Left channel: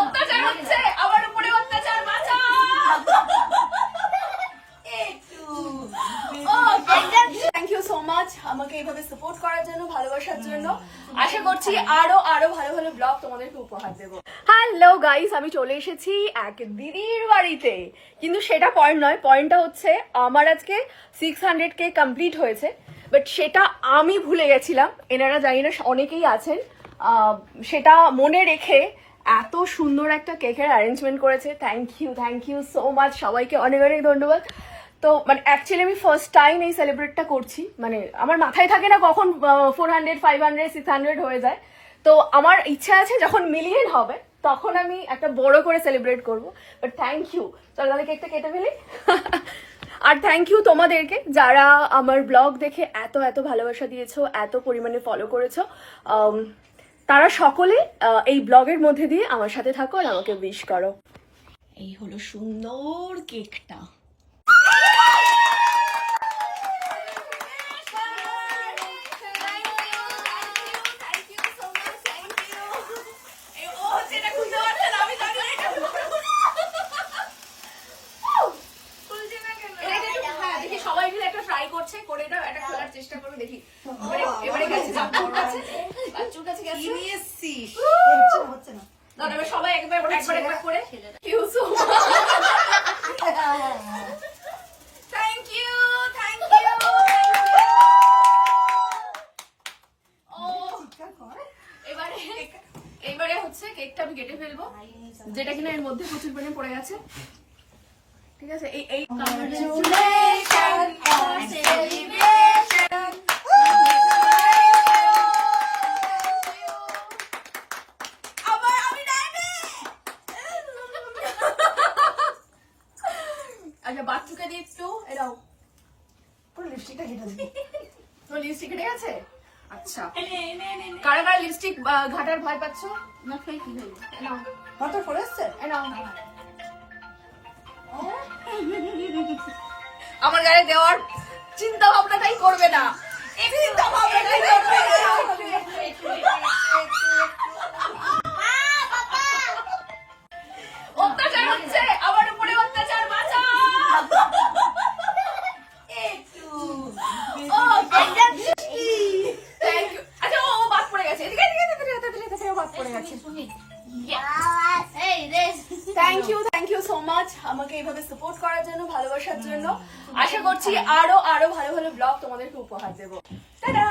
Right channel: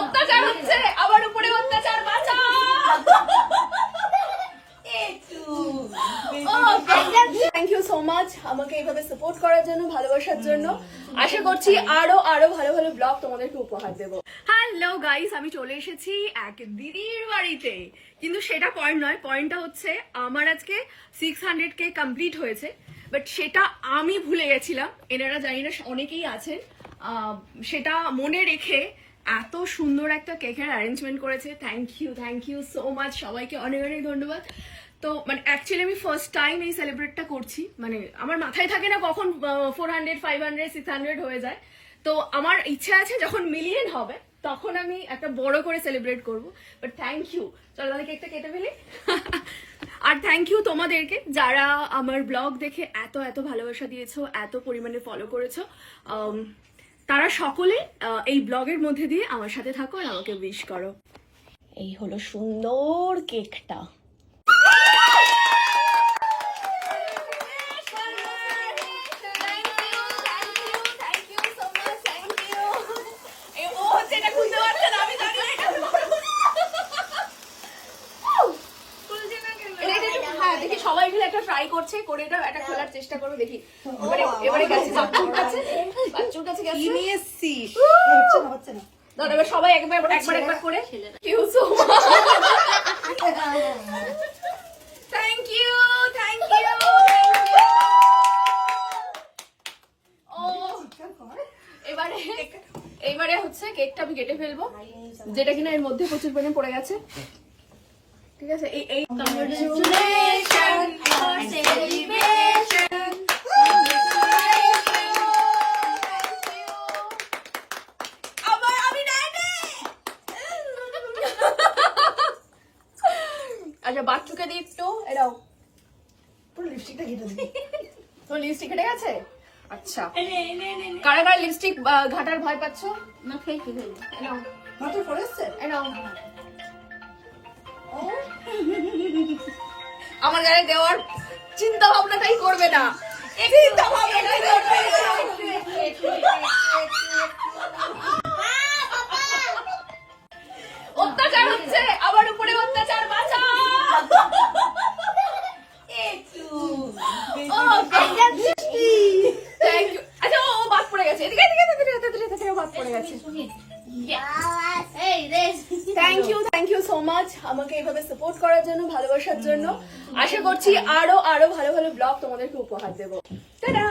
অত্যাচার হচ্ছে, আমার উপরে অত্যাচার, বাঁচাও। থ্যাংক ইউ সো মাচ আমাকে এইভাবে সাপোর্ট করার জন্য, ভালোবাসার জন্য। আশা করছি আরো আরো ভালো ভালো ব্লগ তোমাদেরকে উপহার দেবো। হ্যালো গাইস, আমি চলে এসেছি এক দিদির বাড়িতে, কিন্তু সেটা পয়েন্ট নয়। পয়েন্টটা হচ্ছে আমার আজকে 600K কমপ্লিট হয়েছে, বাট সেটা আমি ভুলে গেছিলাম। এনারা জানি না অনেকেই আছেন সেটা মনে রেখে এত সুন্দর একটা কেকের অ্যারেঞ্জমেন্ট করেছে। থ্যাংক ইউ সো মাচ সবাইকে, অনেক অনেক ধন্যবাদ। তো মানে অ্যাকচুয়ালি আমি ফার্স্ট টাইম এই সেলিব্রেটটা করছি, মানে আমার মাথায় থাকে না কখন 400, 500, 600 হয়ে যায়। তো আমার ইচ্ছা আছে যখন মিলিয়ন হবে তখন আমি একটা বড় করে সেলিব্রেট করব। বাট থ্যাংক ইউ, চলো তাহলে কেকটা কেটে ফেলি। আর থ্যাংক ইউ তোমাদেরকে যারা আমার ব্লগ দেখে এত এত ভালোবাসা দিয়েছো, এত পরিমাণে ফলো করেছো। তারা সকলে এই ব্লগের মধ্যে দিয়ে আমার সাথে থাকো আর আমাকে উইশ করো। এই হলো সুন্দর কেকটা। সবাই মিলে একটা ট্রাই করছে, করে এটা একটা খোলার চেষ্টা করবো, দেখি। এবারে গেছে বাচ্চুর কাছে গেছে, নিয়ে এসছিস, হচ্ছে না দাদা। এবার সবাই একবার করে থ্যাংক ইউ। এবারে হচ্ছে কেকটা আমি কেটে ফেলবো, যেটা কিনা এর মধ্যে প্রচুর পরিমাণে পড়ে গেছে। ঠিক আছে, এই আচ্ছা বাচ্চুকে দিই একটু, এরাও পুরো লিপস্টিকটা ঘেটে দিই। তো লিপস্টিক ঘেটে গেছে। আচ্ছা, কারা কারা লিপস্টিক ঘাটার ভয় পাচ্ছ? না ফেলছি, নাও মাত্র পড়ে এসছে, নাও। আমার গায়ে দেওয়ার চিন্তা ভাবনাটাই করবে না, চিন্তা ভাবনাটাই করবে না। অত্যাচার হচ্ছে, আমার উপরে অত্যাচার, বাঁচাও। আচ্ছা ও বাদ পড়ে গেছে, এদিকে বাদ পড়ে গেছে। থ্যাংক ইউ সো মাচ আমাকে এইভাবে সাপোর্ট করার জন্য, ভালোবাসার জন্য। আশা করছি আরো আরো ভালো ভালো ব্লগ তোমাদেরকে উপহার দেবো। টাটা।